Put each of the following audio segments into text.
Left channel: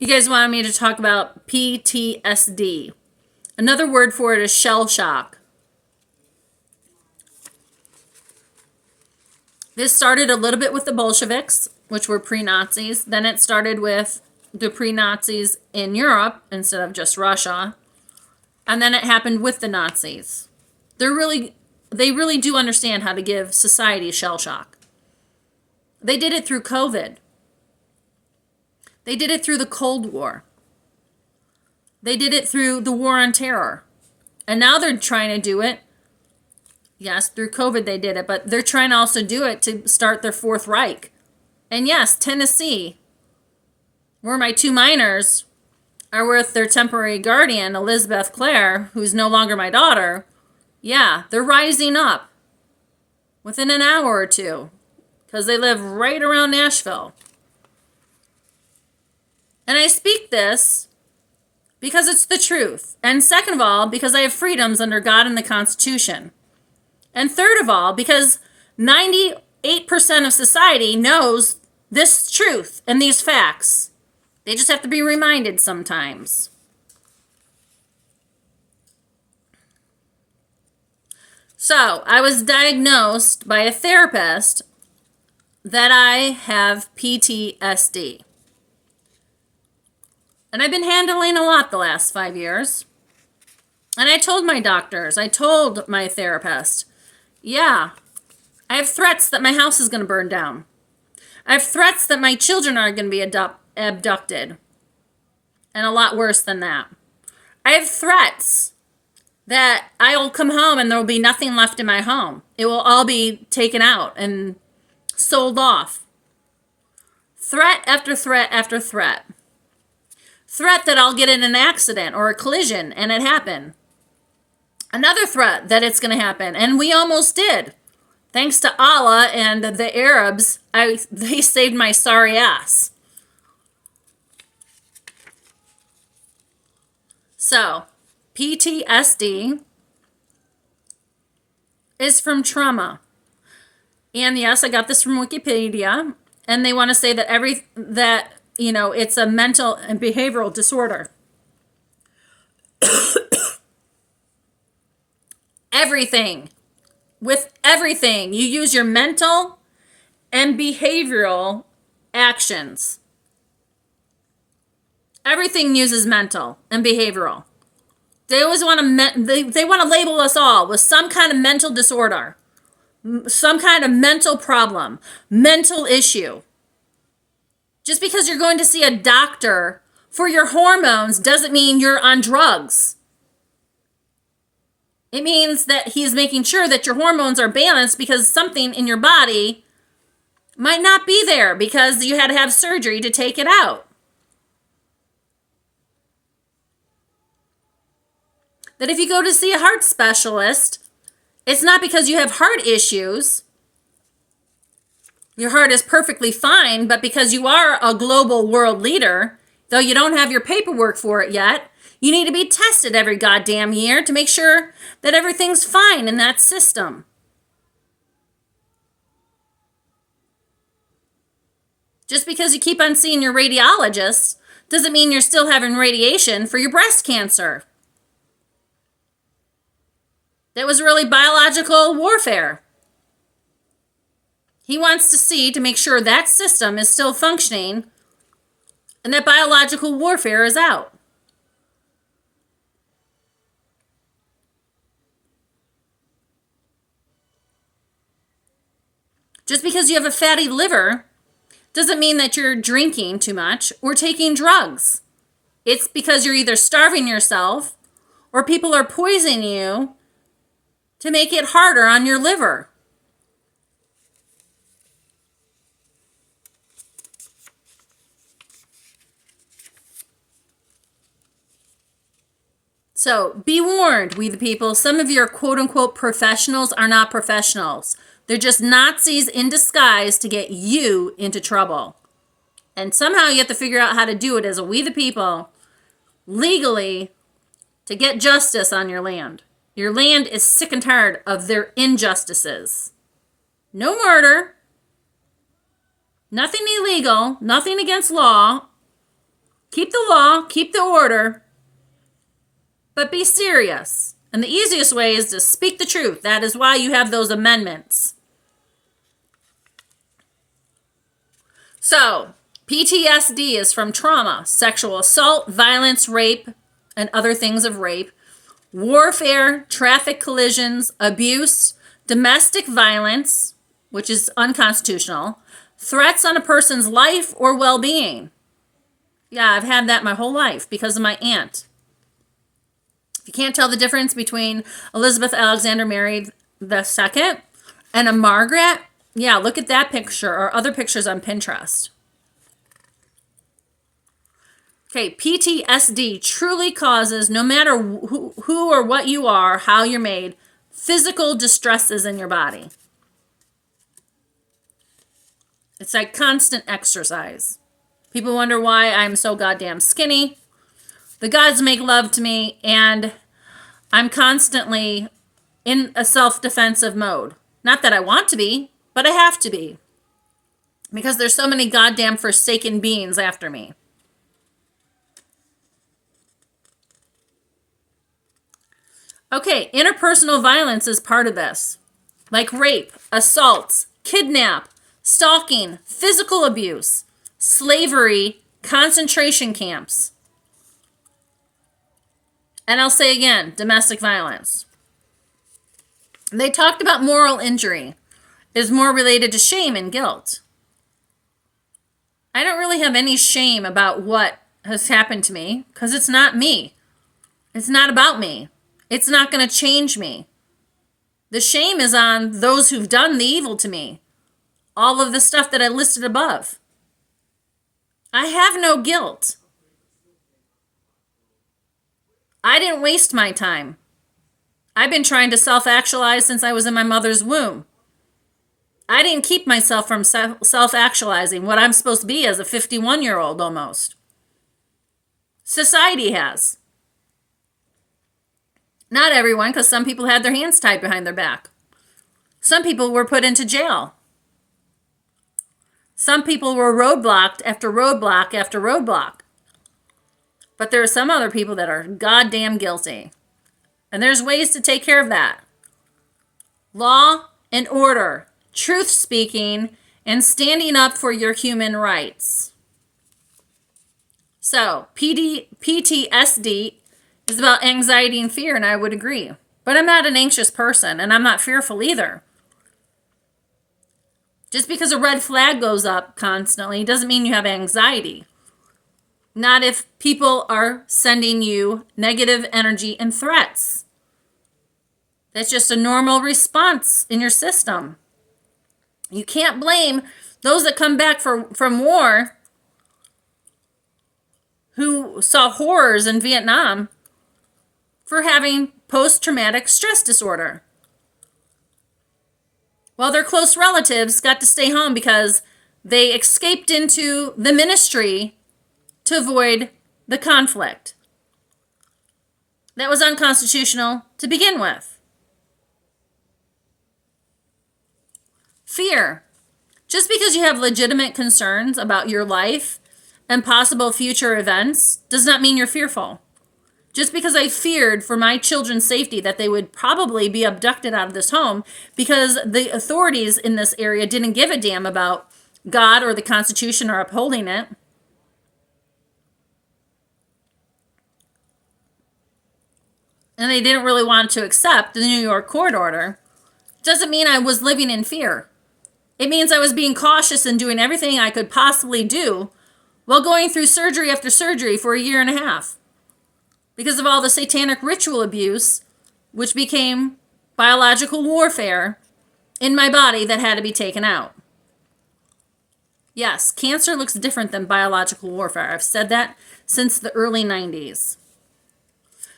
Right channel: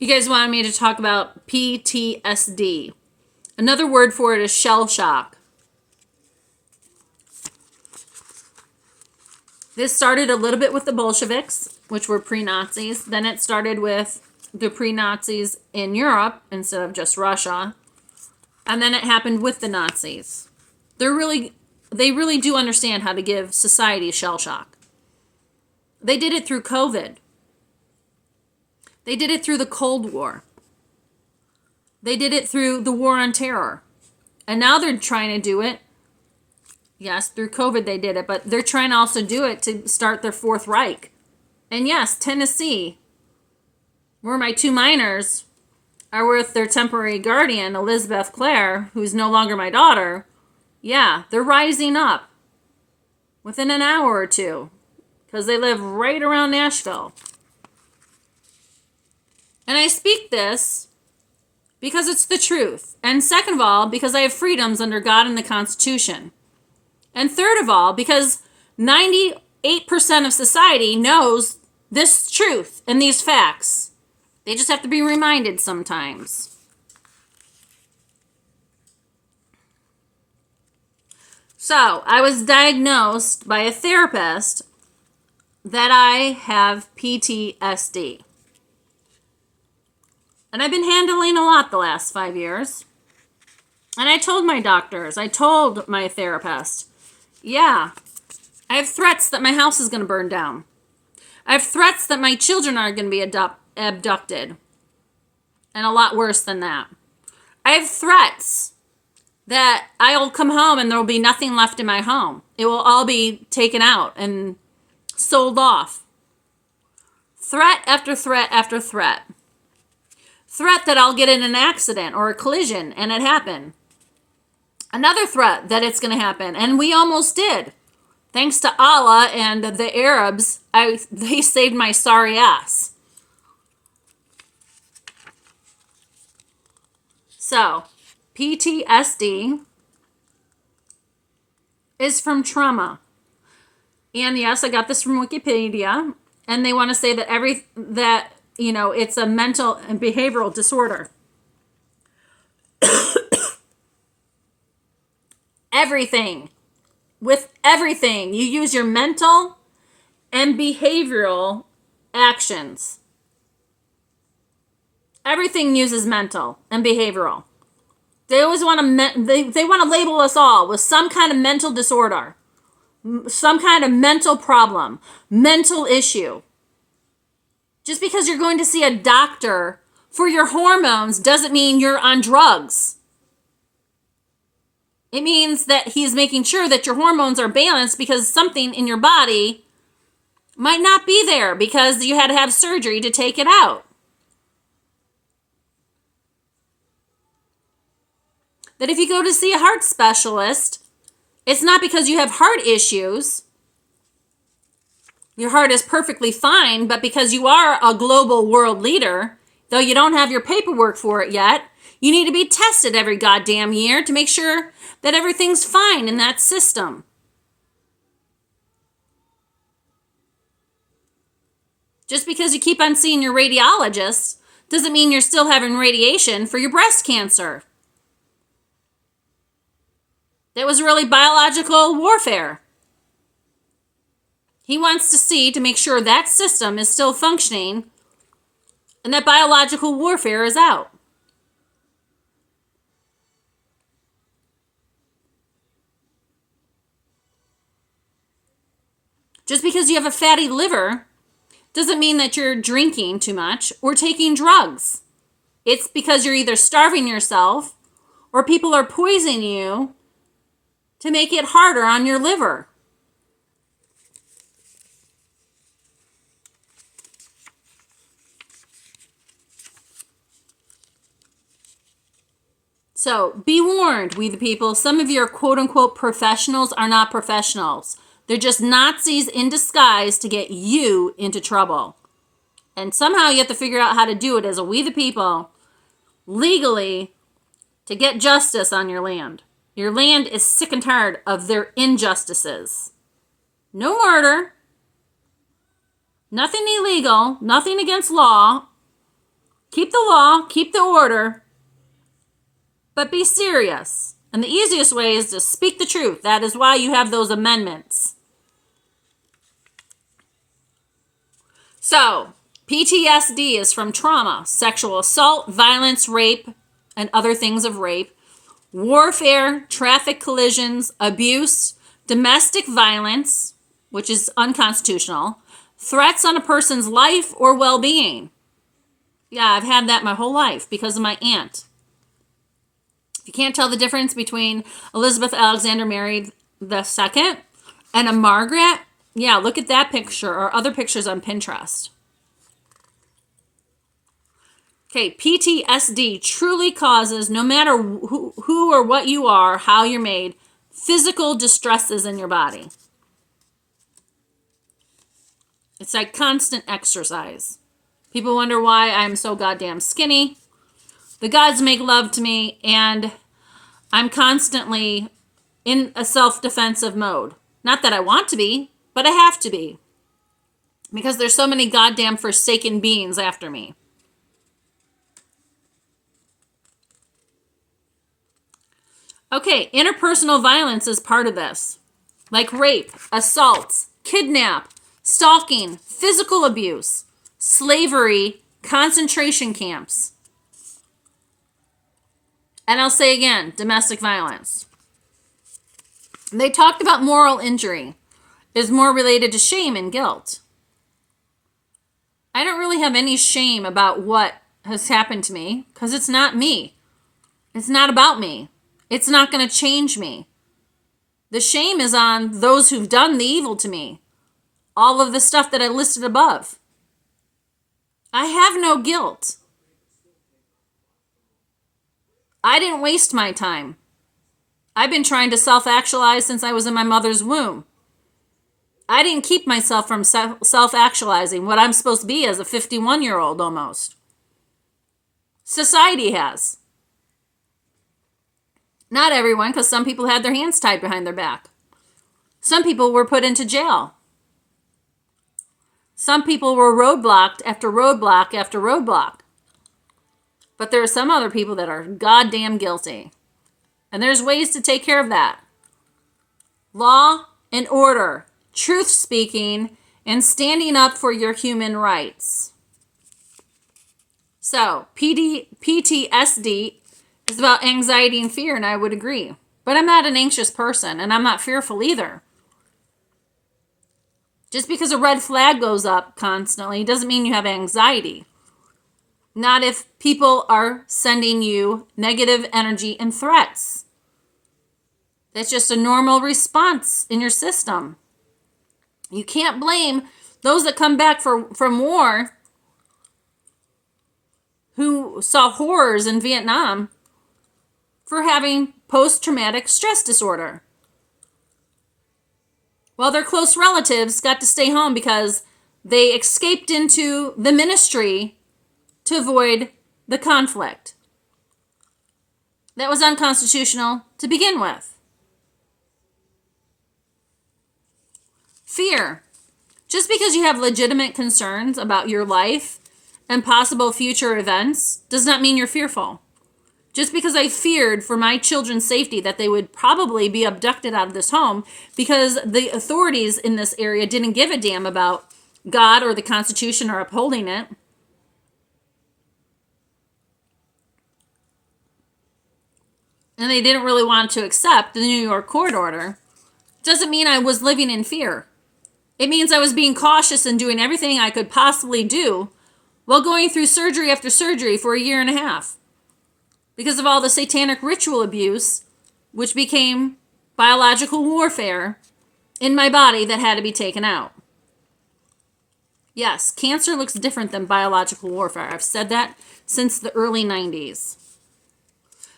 You guys wanted me to talk about PTSD. Another word for it is shell shock. This started a little bit with the Bolsheviks, which were pre-Nazis. Then it started with the pre-Nazis in Europe instead of just Russia. And then it happened with the Nazis. They really do understand how to give society shell shock. They did it through COVID. They did it through the Cold War. They did it through the War on Terror. And now they're trying to do it. Yes, through COVID they did it, but they're trying to also do it to start their Fourth Reich. And yes, Tennessee, where my two minors are with their temporary guardian, Elizabeth Clare, who's no longer my daughter. Yeah, they're rising up within an hour or two because they live right around Nashville. And I speak this because it's the truth. And second of all, because I have freedoms under God and the Constitution. And third of all, because 98% of society knows this truth and these facts. They just have to be reminded sometimes. So, I was diagnosed by a therapist that I have PTSD. And I've been handling a lot the last 5 years. And I told my doctors, I told my therapist, yeah, I have threats that my house is going to burn down. I have threats that my children are going to be abducted. And a lot worse than that. I have threats that I will come home and there will be nothing left in my home. It will all be taken out and sold off. Threat after threat after threat. Threat that I'll get in an accident or a collision and it happened. Another threat that it's going to happen. And we almost did. Thanks to Allah and the Arabs, they saved my sorry ass. So, PTSD is from trauma. And yes, I got this from Wikipedia. And they want to say that it's a mental and behavioral disorder. With everything, you use your mental and behavioral actions. Everything uses mental and behavioral. They always want to they want to label us all with some kind of mental disorder, some kind of mental problem, mental issue. Just because you're going to see a doctor for your hormones doesn't mean you're on drugs. It means that he's making sure that your hormones are balanced because something in your body might not be there because you had to have surgery to take it out. That if you go to see a heart specialist, it's not because you have heart issues. Your heart is perfectly fine, but because you are a global world leader, though you don't have your paperwork for it yet, you need to be tested every goddamn year to make sure that everything's fine in that system. Just because you keep on seeing your radiologist doesn't mean you're still having radiation for your breast cancer. That was really biological warfare. He wants to see to make sure that system is still functioning and that biological warfare is out. Just because you have a fatty liver doesn't mean that you're drinking too much or taking drugs. It's because you're either starving yourself or people are poisoning you to make it harder on your liver. So be warned, we the people, some of your quote-unquote professionals are not professionals. They're just Nazis in disguise to get you into trouble. And somehow you have to figure out how to do it as a we the people, legally, to get justice on your land. Your land is sick and tired of their injustices. No murder. Nothing illegal. Nothing against law. Keep the law, keep the order, but be serious. And the easiest way is to speak the truth. That is why you have those amendments. So, PTSD is from trauma, sexual assault, violence, rape, and other things of rape, warfare, traffic collisions, abuse, domestic violence, which is unconstitutional, threats on a person's life or well-being. Yeah, I've had that my whole life because of my aunt. If you can't tell the difference between Elizabeth Alexander Mary II and a Margaret, yeah, look at that picture or other pictures on Pinterest. Okay, PTSD truly causes, no matter who or what you are, how you're made, physical distresses in your body. It's like constant exercise. People wonder why I'm so goddamn skinny. The gods make love to me, and I'm constantly in a self-defensive mode. Not that I want to be, but I have to be. Because there's so many goddamn forsaken beings after me. Okay, interpersonal violence is part of this. Like rape, assaults, kidnap, stalking, physical abuse, slavery, concentration camps. And I'll say again, domestic violence. They talked about moral injury is more related to shame and guilt. I don't really have any shame about what has happened to me because it's not me. It's not about me. It's not going to change me. The shame is on those who've done the evil to me. All of the stuff that I listed above. I have no guilt. I didn't waste my time. I've been trying to self-actualize since I was in my mother's womb. I didn't keep myself from self-actualizing what I'm supposed to be as a 51-year-old almost. Society has. Not everyone, because some people had their hands tied behind their back. Some people were put into jail. Some people were roadblocked after roadblock after roadblock. But there are some other people that are goddamn guilty. And there's ways to take care of that. Law and order, truth speaking, and standing up for your human rights. So, PTSD is about anxiety and fear, and I would agree. But I'm not an anxious person, and I'm not fearful either. Just because a red flag goes up constantly doesn't mean you have anxiety. Not if people are sending you negative energy and threats. That's just a normal response in your system. You can't blame those that come back from war who saw horrors in Vietnam for having post-traumatic stress disorder. While their close relatives got to stay home because they escaped into the ministry to avoid the conflict. That was unconstitutional to begin with. Fear. Just because you have legitimate concerns about your life and possible future events does not mean you're fearful. Just because I feared for my children's safety that they would probably be abducted out of this home because the authorities in this area didn't give a damn about God or the Constitution or upholding it. And they didn't really want to accept the New York court order. Doesn't mean I was living in fear. It means I was being cautious and doing everything I could possibly do while going through surgery after surgery for a year and a half. Because of all the satanic ritual abuse, which became biological warfare in my body that had to be taken out. Yes, cancer looks different than biological warfare. I've said that since the early 90s.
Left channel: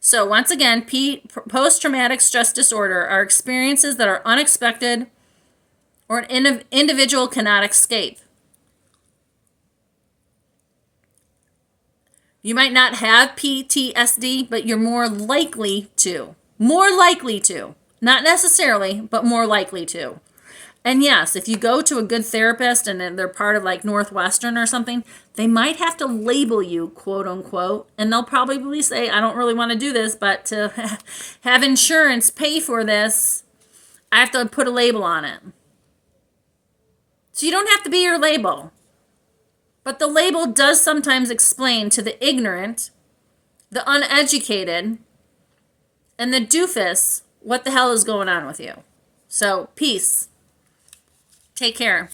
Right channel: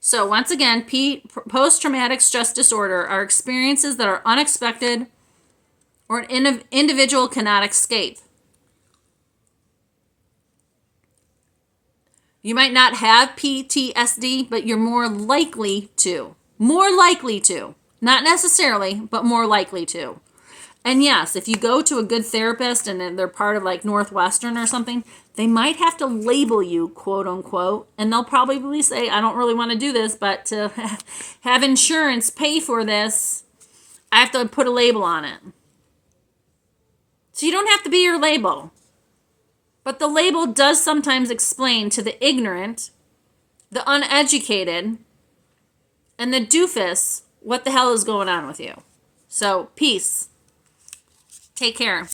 So once again, post-traumatic stress disorder are experiences that are unexpected or an individual cannot escape. You might not have PTSD, but you're more likely to. More likely to. Not necessarily, but more likely to. And yes, if you go to a good therapist and they're part of like Northwestern or something, They might have to label you, quote unquote, and they'll probably say, I don't really want to do this, but to have insurance pay for this, I have to put a label on it. So you don't have to be your label. But the label does sometimes explain to the ignorant, the uneducated, and the doofus what the hell is going on with you. So, peace. Take care.